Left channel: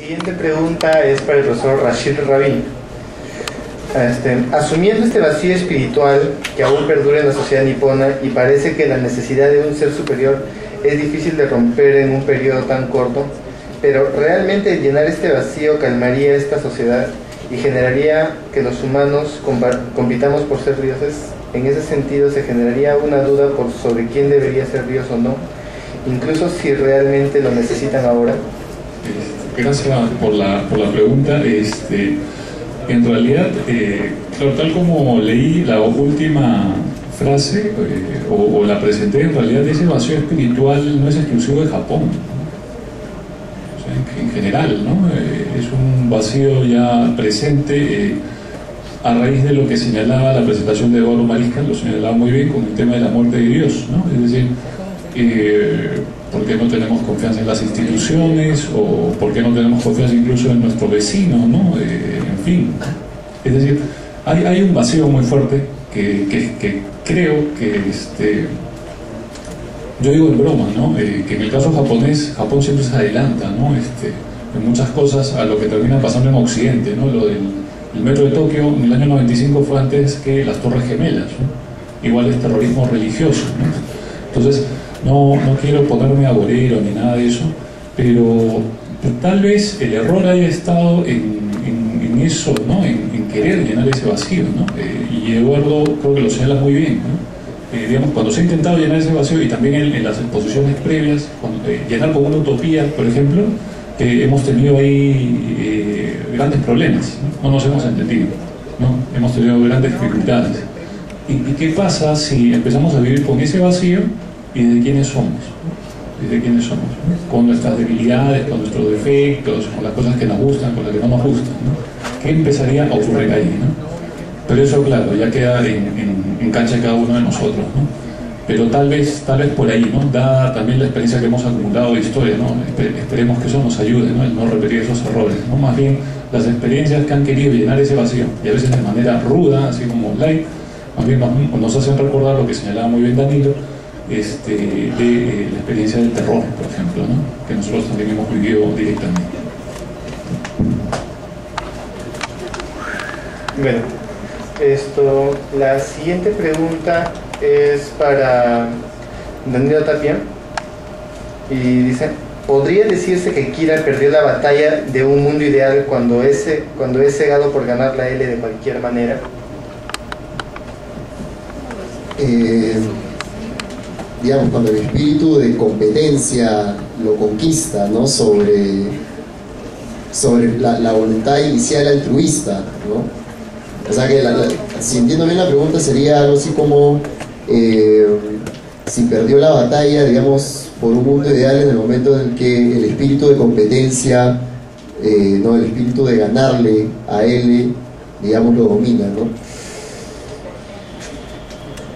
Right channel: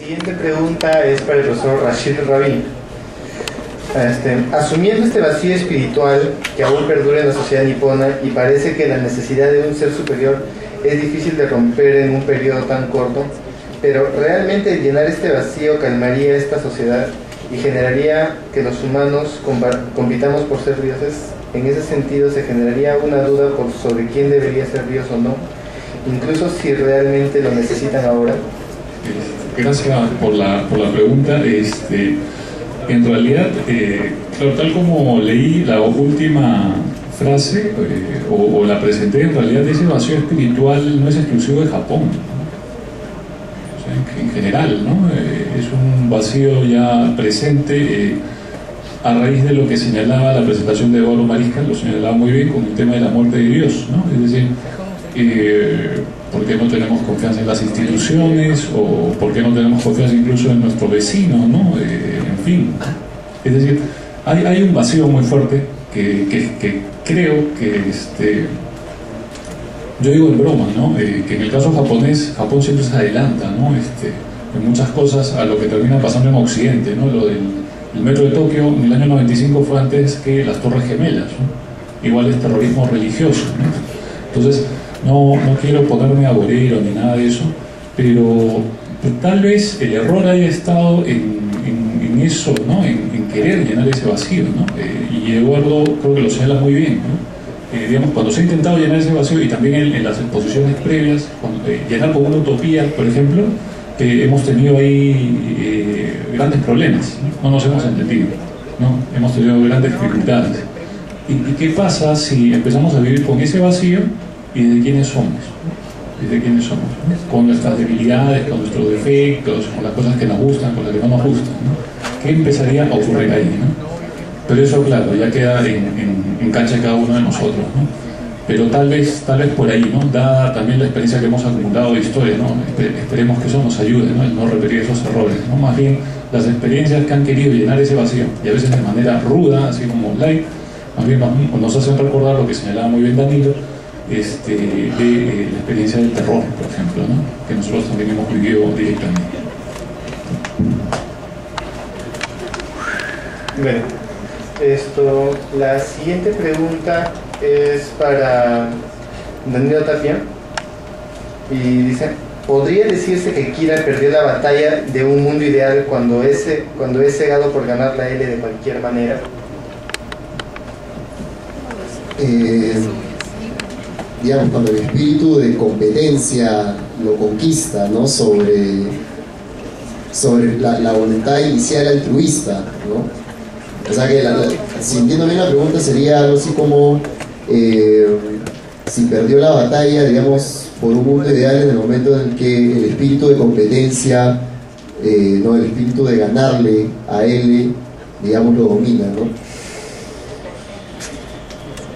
Siguiente pregunta es para el profesor Rashid Rabin. Asumiendo este vacío espiritual que aún perdura en la sociedad nipona y parece que la necesidad de un ser superior es difícil de romper en un periodo tan corto, pero realmente llenar este vacío calmaría esta sociedad y generaría que los humanos compitamos por ser dioses. En ese sentido se generaría una duda sobre quién debería ser Dios o no, incluso si realmente lo necesitan ahora. Gracias por la pregunta. En realidad, claro, tal como leí la última frase o la presenté, en realidad ese vacío espiritual no es exclusivo de Japón, o sea, en general, ¿no? Es un vacío ya presente a raíz de lo que señalaba la presentación de Eduardo Mariscal, lo señalaba muy bien con el tema de la muerte de Dios, ¿no? Es decir, ¿por qué no tenemos confianza en las instituciones? ¿O por qué no tenemos confianza incluso en nuestro vecino, ¿no? En fin, es decir, hay un vacío muy fuerte que creo que, yo digo en broma, ¿no? Que en el caso japonés, Japón siempre se adelanta, ¿no? En muchas cosas a lo que termina pasando en Occidente, ¿no? Lo del metro de Tokio en el año 95 fue antes que las Torres Gemelas, ¿no? Igual es terrorismo religioso, ¿no? Entonces, no quiero ponerme agorero ni nada de eso, pero tal vez el error haya estado en eso, ¿no? En querer llenar ese vacío, ¿no? Y Eduardo creo que lo señala muy bien, ¿no? Digamos, cuando se ha intentado llenar ese vacío, y también en las exposiciones previas, llenar con una utopía, por ejemplo, hemos tenido ahí grandes problemas, ¿no? No nos hemos entendido, ¿no? Hemos tenido grandes dificultades. ¿Y qué pasa si empezamos a vivir con ese vacío y de quiénes somos? ¿De quiénes somos? ¿No? Con nuestras debilidades, con nuestros defectos, con las cosas que nos gustan, con las que no nos gustan, ¿no? ¿Qué empezaría a ocurrir ahí, ¿no? Pero eso, claro, ya queda en cancha de cada uno de nosotros, ¿no? Pero tal vez por ahí, ¿no? Dada también la experiencia que hemos acumulado de historia, ¿no? Esperemos que eso nos ayude, ¿no? El no repetir esos errores, ¿no? Más bien, las experiencias que han querido llenar ese vacío, y a veces de manera ruda, así como light, más bien nos hacen recordar lo que señalaba muy bien Danilo, de la experiencia del terror, por ejemplo, ¿no? Que nosotros también hemos vivido directamente. Bueno, la siguiente pregunta es para Danilo Tapia y dice: ¿podría decirse que Kira perdió la batalla de un mundo ideal cuando es cegado por ganar la L de cualquier manera? Digamos, cuando el espíritu de competencia lo conquista, ¿no? sobre la voluntad inicial altruista, ¿no? O sea que, si entiendo bien la pregunta, sería algo así como si perdió la batalla, digamos, por un mundo ideal en el momento en el que el espíritu de competencia, ¿no? El espíritu de ganarle a él, digamos, lo domina, ¿no?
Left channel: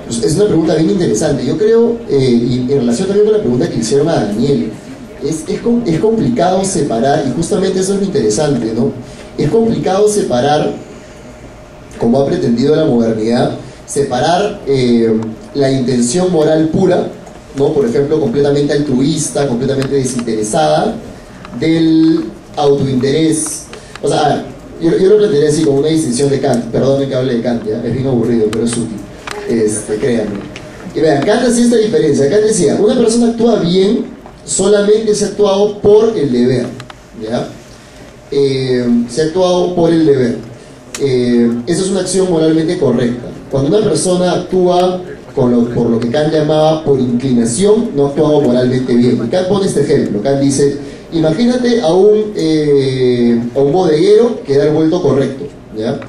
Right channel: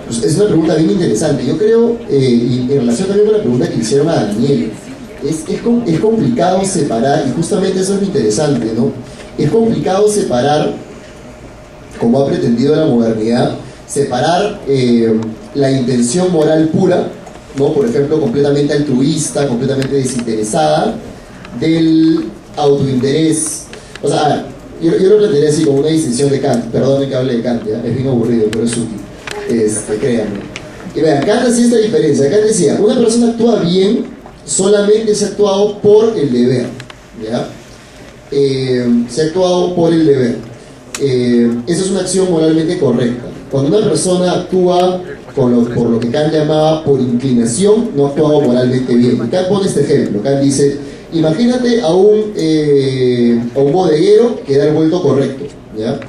Es una pregunta bien interesante. Yo creo, y en relación también con la pregunta que le hicieron a Daniel, es complicado separar, y justamente eso es lo interesante, ¿no? Es complicado separar, como ha pretendido la modernidad, separar la intención moral pura, ¿no? Por ejemplo, completamente altruista, completamente desinteresada, del autointerés. O sea, yo lo plantearía así, como una distinción de Kant. Perdónenme que hable de Kant, ¿ya? Es bien aburrido, pero es útil. Créanme. Y vean, Kant hacía esta diferencia. Kant decía: una persona actúa bien solamente si ha actuado por el deber, ¿ya? Se ha actuado por el deber. Esa es una acción moralmente correcta. Cuando una persona actúa por lo que Kant llamaba por inclinación, no ha actuado moralmente bien. Y Kant pone este ejemplo. Kant dice: imagínate a un bodeguero que da el vuelto correcto, ¿ya?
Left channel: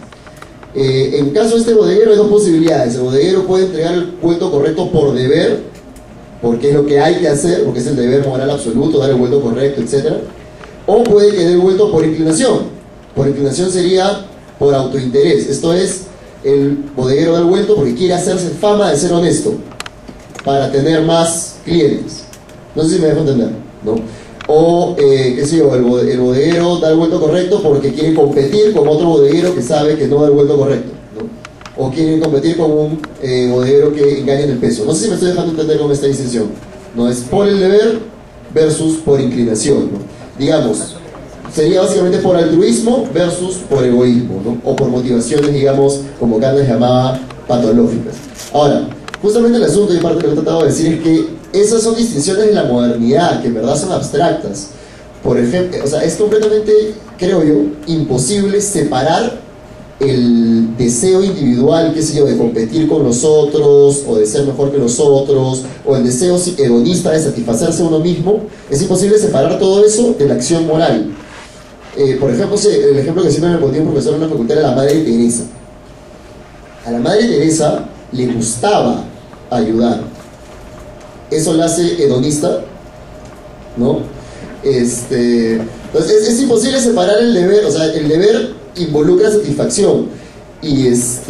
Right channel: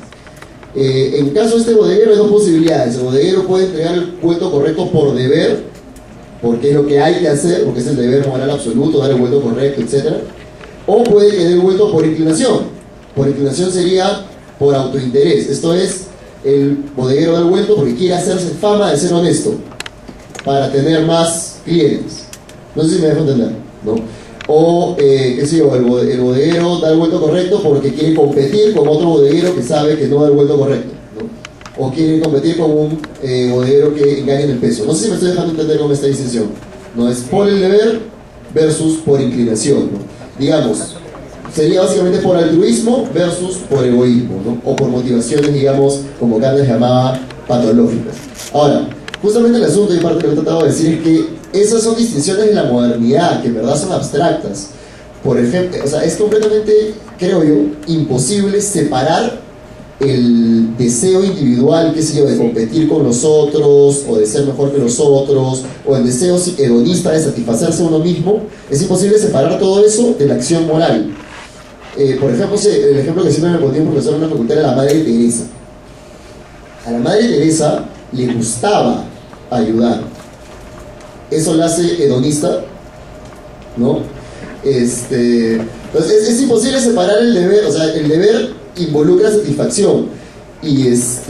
En caso de este bodeguero hay dos posibilidades. El bodeguero puede entregar el vuelto correcto por deber, porque es lo que hay que hacer, porque es el deber moral absoluto, dar el vuelto correcto, etc. O puede que dé el vuelto por inclinación. Por inclinación sería por autointerés. Esto es, el bodeguero da el vuelto porque quiere hacerse fama de ser honesto, para tener más clientes. No sé si me dejo entender, ¿no? O, qué sé yo, el bodeguero da el vuelto correcto porque quiere competir con otro bodeguero que sabe que no da el vuelto correcto, ¿no? O quiere competir con un bodeguero que engaña en el peso. No sé si me estoy dejando entender con esta distinción. No es por el deber versus por inclinación, ¿no? Digamos, Sería básicamente por altruismo versus por egoísmo, ¿no? O por motivaciones, digamos, como Kant les llamaba, patológicas. Ahora, justamente el asunto y parte de lo que he tratado de decir es que esas son distinciones de la modernidad, que en verdad son abstractas. Por ejemplo, o sea, es completamente, creo yo, imposible separar el deseo individual, qué sé yo, de competir con los otros, o de ser mejor que los otros, o el deseo hedonista de satisfacerse a uno mismo. Es imposible separar todo eso de la acción moral. Por ejemplo, el ejemplo que siempre me ponía un profesor en la facultad era la Madre Teresa. A la Madre Teresa le gustaba ayudar. Eso la hace hedonista, ¿no? Entonces es imposible separar el deber, o sea, el deber involucra satisfacción. Y eso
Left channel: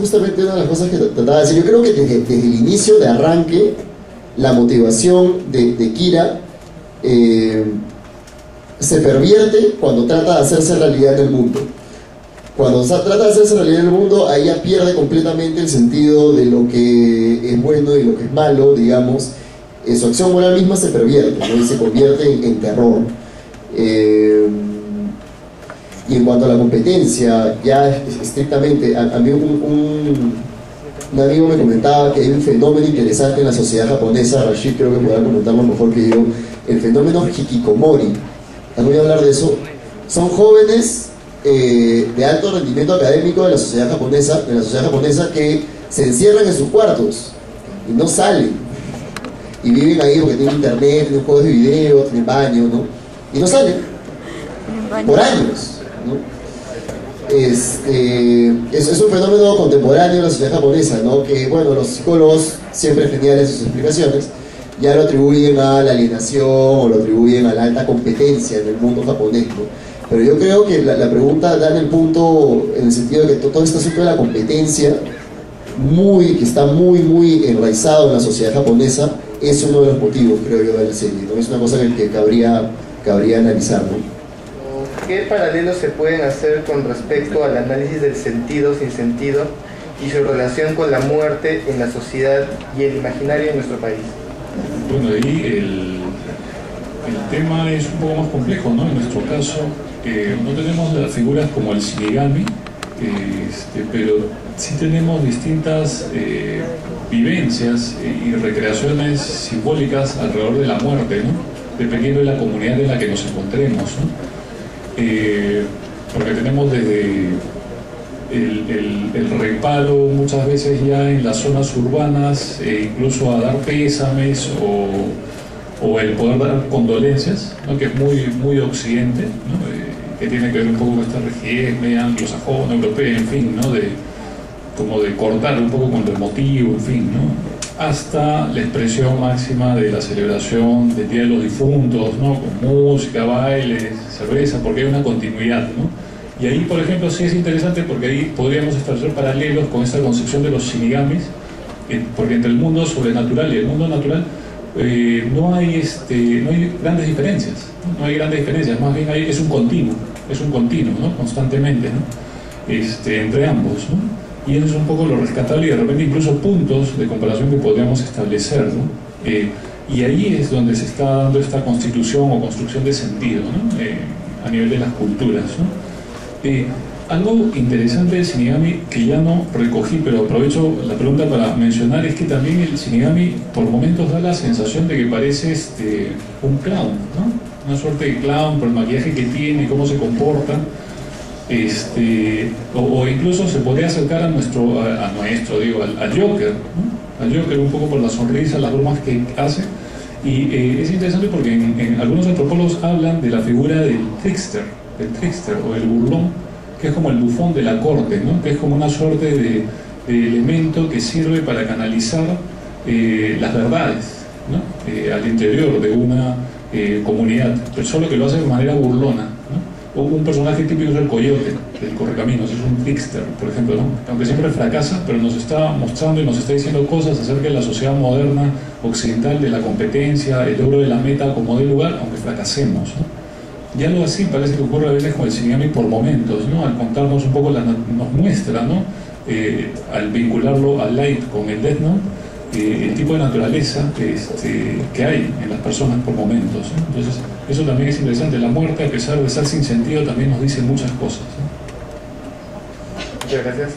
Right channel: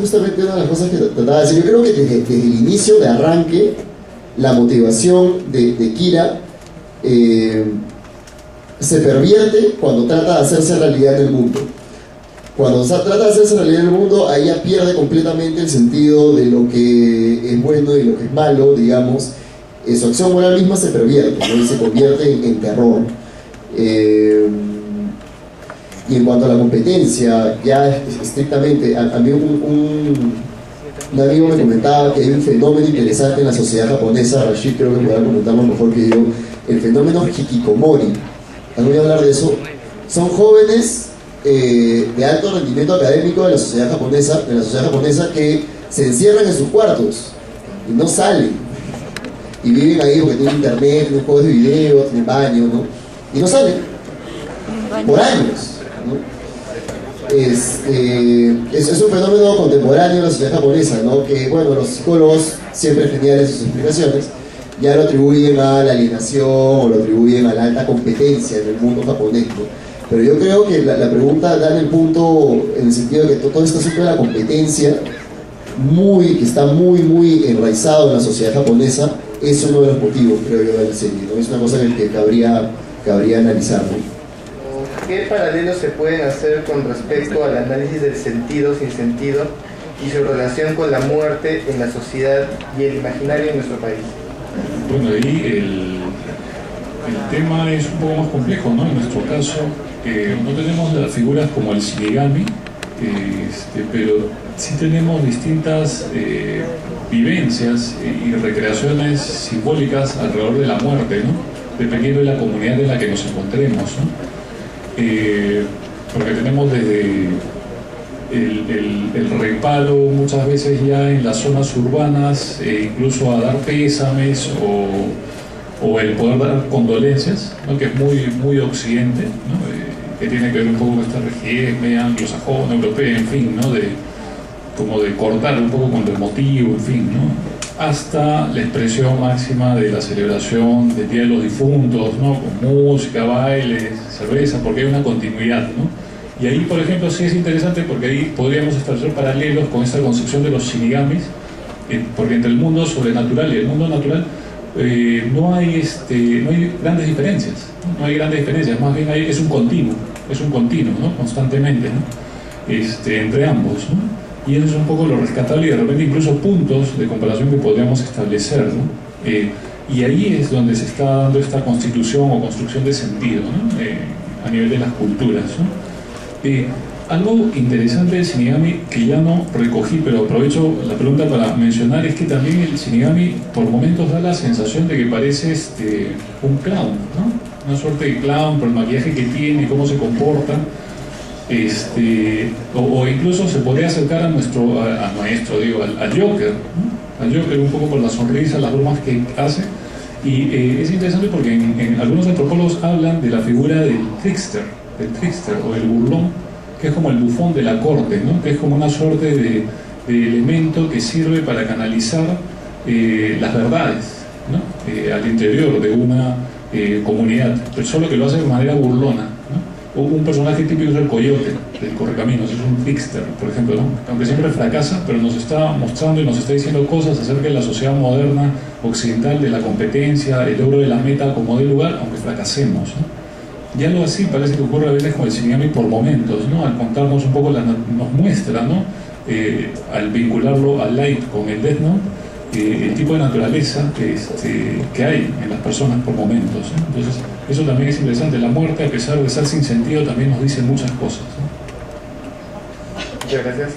justamente es una de las cosas que trataba de decir. Yo creo que desde el inicio de arranque, la motivación de Kira se pervierte cuando trata de hacerse realidad en el mundo. Cuando trata de hacerse realidad en el mundo, ahí ya pierde completamente el sentido de lo que es bueno y lo que es malo, digamos. Su acción moral misma se pervierte, ¿no? Y se convierte en terror. Y en cuanto a la competencia, ya estrictamente, a mí un amigo me comentaba que hay un fenómeno interesante en la sociedad japonesa. Rashid creo que podrá comentarlo mejor que yo, el fenómeno hikikomori. ¿Han oído hablar de eso? Son jóvenes de alto rendimiento académico de la sociedad japonesa que se encierran en sus cuartos y no salen, y viven ahí porque tienen internet, tienen juegos de video, tienen baño, ¿no? Y no salen por años, ¿no? Es un fenómeno contemporáneo de la sociedad japonesa, ¿no? Que, bueno, los psicólogos, siempre geniales sus explicaciones, ya lo atribuyen a la alienación o lo atribuyen a la alta competencia en el mundo japonés, ¿no? Pero yo creo que la pregunta da en el punto, en el sentido de que todo este asunto de la competencia, que está muy enraizado en la sociedad japonesa, es uno de los motivos, creo yo, de la serie, ¿no? Es una cosa que cabría analizar, ¿no? ¿Qué paralelos se pueden hacer con respecto al análisis del sentido sin sentido y su relación con la muerte en la sociedad y el imaginario en nuestro país? Bueno, ahí el tema es un poco más complejo, ¿no? En nuestro caso, no tenemos las figuras como el Shinigami, pero sí tenemos distintas vivencias y recreaciones simbólicas alrededor de la muerte, ¿no? Dependiendo de la comunidad en la que nos encontremos, ¿no? Porque tenemos desde el reparo muchas veces ya en las zonas urbanas, incluso a dar pésames o el poder dar condolencias, ¿no? Que es muy occidente, ¿no? Que tiene que ver un poco con esta rigidez media anglosajona, europea, en fin, ¿no? Como de cortar un poco con lo emotivo, en fin, ¿no? Hasta la expresión máxima de la celebración del Día de los Difuntos, ¿no? Con música, bailes, cerveza, porque hay una continuidad, ¿no? Y ahí, por ejemplo, sí es interesante porque ahí podríamos establecer paralelos con esta concepción de los shinigamis, porque entre el mundo sobrenatural y el mundo natural no hay grandes diferencias, ¿no? No hay grandes diferencias, más bien es un continuo, ¿no? Constantemente, ¿no? Entre ambos, ¿no? Y eso es un poco lo rescatable y de repente incluso puntos de comparación que podríamos establecer, ¿no? Y ahí es donde se está dando esta constitución o construcción de sentido, ¿no? A nivel de las culturas, ¿no? Algo interesante del Shinigami que ya no recogí, pero aprovecho la pregunta para mencionar, es que también el Shinigami por momentos da la sensación de que parece un clown, ¿no? Una suerte de clown por el maquillaje que tiene, cómo se comporta. O incluso se podría acercar al Joker, ¿no? Al Joker un poco por la sonrisa, las bromas que hace. Y es interesante porque en algunos antropólogos hablan de la figura del trickster o el burlón, que es como el bufón de la corte, ¿no? Que es como una suerte de elemento que sirve para canalizar las verdades, ¿no? Al interior de una comunidad, pero solo que lo hace de manera burlona, ¿no? Un personaje típico es el coyote del Correcaminos, es un trickster, por ejemplo, ¿no? Aunque siempre fracasa, pero nos está mostrando y nos está diciendo cosas acerca de la sociedad moderna, occidental, de la competencia, el logro de la meta como de lugar, aunque fracasemos, ¿no? Y algo así parece que ocurre a veces con el Shinigami por momentos, ¿no? Al contarnos un poco, nos muestra, ¿no? Al vincularlo al Light con el Death Note, el tipo de naturaleza que hay en las personas por momentos, ¿no? Entonces, Eso también es interesante. La muerte, a pesar de ser sin sentido, también nos dice muchas cosas, ¿no? Muchas gracias.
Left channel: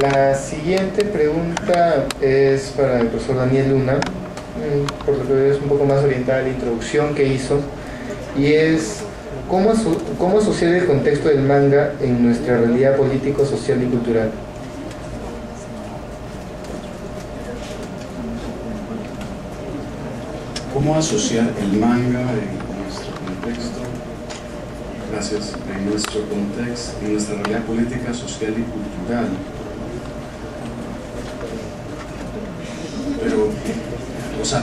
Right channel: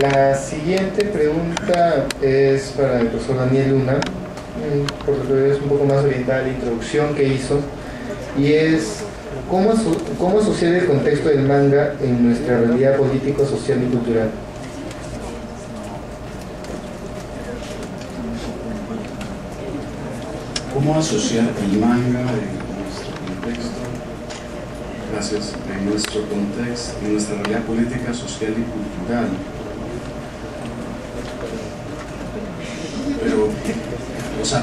La siguiente pregunta es para el profesor Daniel Luna, por lo que veo es un poco más orientada a la introducción que hizo, y es ¿cómo asociar el contexto del manga en nuestra realidad político, social y cultural? ¿Cómo asociar el manga en nuestro contexto? Gracias. En nuestro contexto, en nuestra realidad política, social y cultural.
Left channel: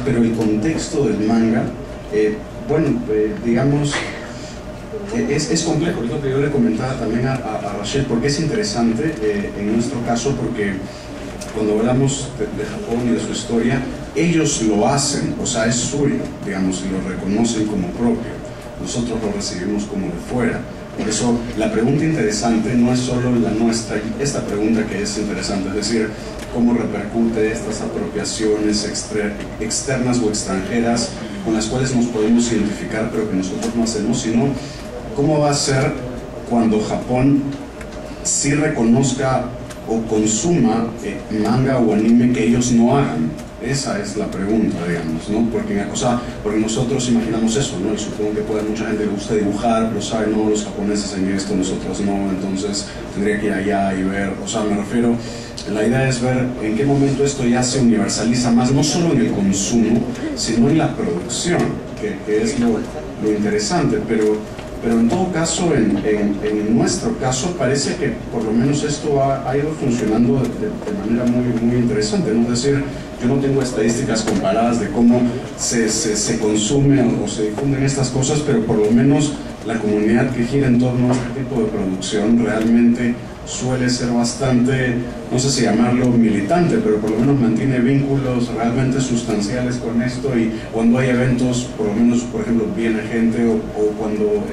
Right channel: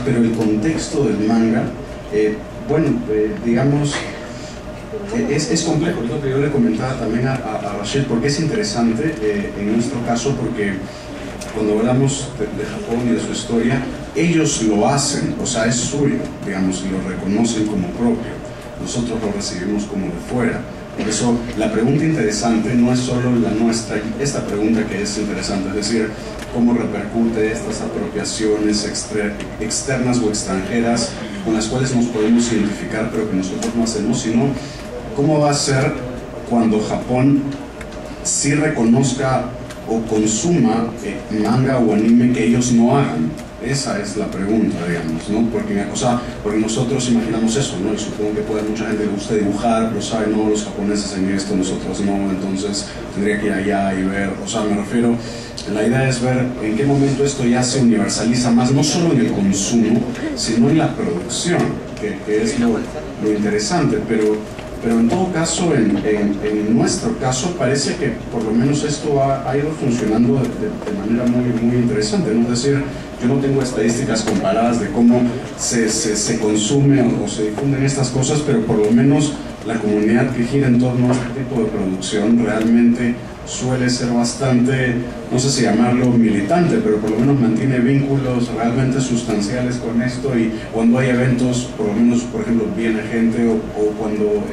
Pero el contexto del manga, digamos, es complejo. Es lo que yo le comentaba también a Rachel, porque es interesante en nuestro caso, porque cuando hablamos de Japón y de su historia, ellos lo hacen, o sea, es suyo, digamos, y lo reconocen como propio. Nosotros lo recibimos como de fuera. Por eso la pregunta interesante no es solo la nuestra, esta pregunta que es interesante, es decir, cómo repercute estas apropiaciones externas o extranjeras con las cuales nos podemos identificar pero que nosotros no hacemos, sino cómo va a ser cuando Japón sí reconozca o consuma manga o anime que ellos no hagan. Esa es la pregunta, digamos, ¿no? Porque nosotros imaginamos eso, ¿no? Y supongo que puede mucha gente le gusta dibujar, pero sabe, no, los japoneses en esto, nosotros no, entonces tendría que ir allá y ver, o sea, me refiero, la idea es ver en qué momento esto ya se universaliza más, no solo en el consumo, sino en la producción, que es lo interesante, pero en todo caso, en nuestro caso, parece que por lo menos esto ha ido funcionando de manera muy interesante, ¿no? Es decir, yo no tengo estadísticas comparadas de cómo se consume o se difunden estas cosas, pero por lo menos la comunidad que gira en torno a este tipo de producción realmente suele ser bastante, no sé si llamarlo militante, pero por lo menos mantiene vínculos realmente sustanciales con esto, y cuando hay eventos, por lo menos, por ejemplo, viene gente, o cuando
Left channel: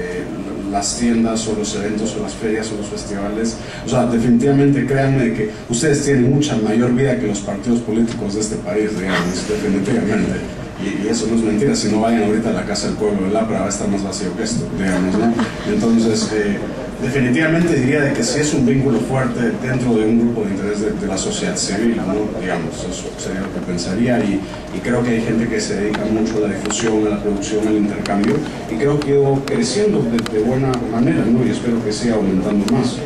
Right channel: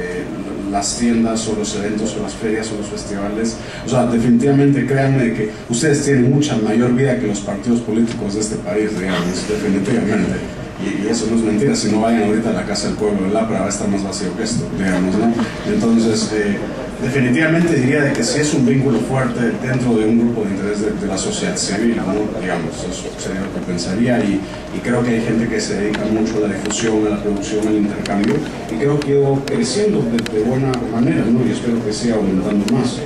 las tiendas o los eventos o las ferias o los festivales, o sea, definitivamente créanme que ustedes tienen mucha mayor vida que los partidos políticos de este país, digamos, definitivamente. Y eso no es mentira, si no vayan ahorita a la Casa del Pueblo de Lapra, va a estar más vacío que esto, digamos, ¿no? Entonces, definitivamente diría de que sí es un vínculo fuerte dentro de un grupo de interés de la sociedad civil, ¿no? Digamos, eso sería lo que pensaría, y creo que hay gente que se dedica mucho a la difusión, a la producción, al intercambio, y creo que ha ido creciendo de buena manera, ¿no? Y espero que siga aumentando más.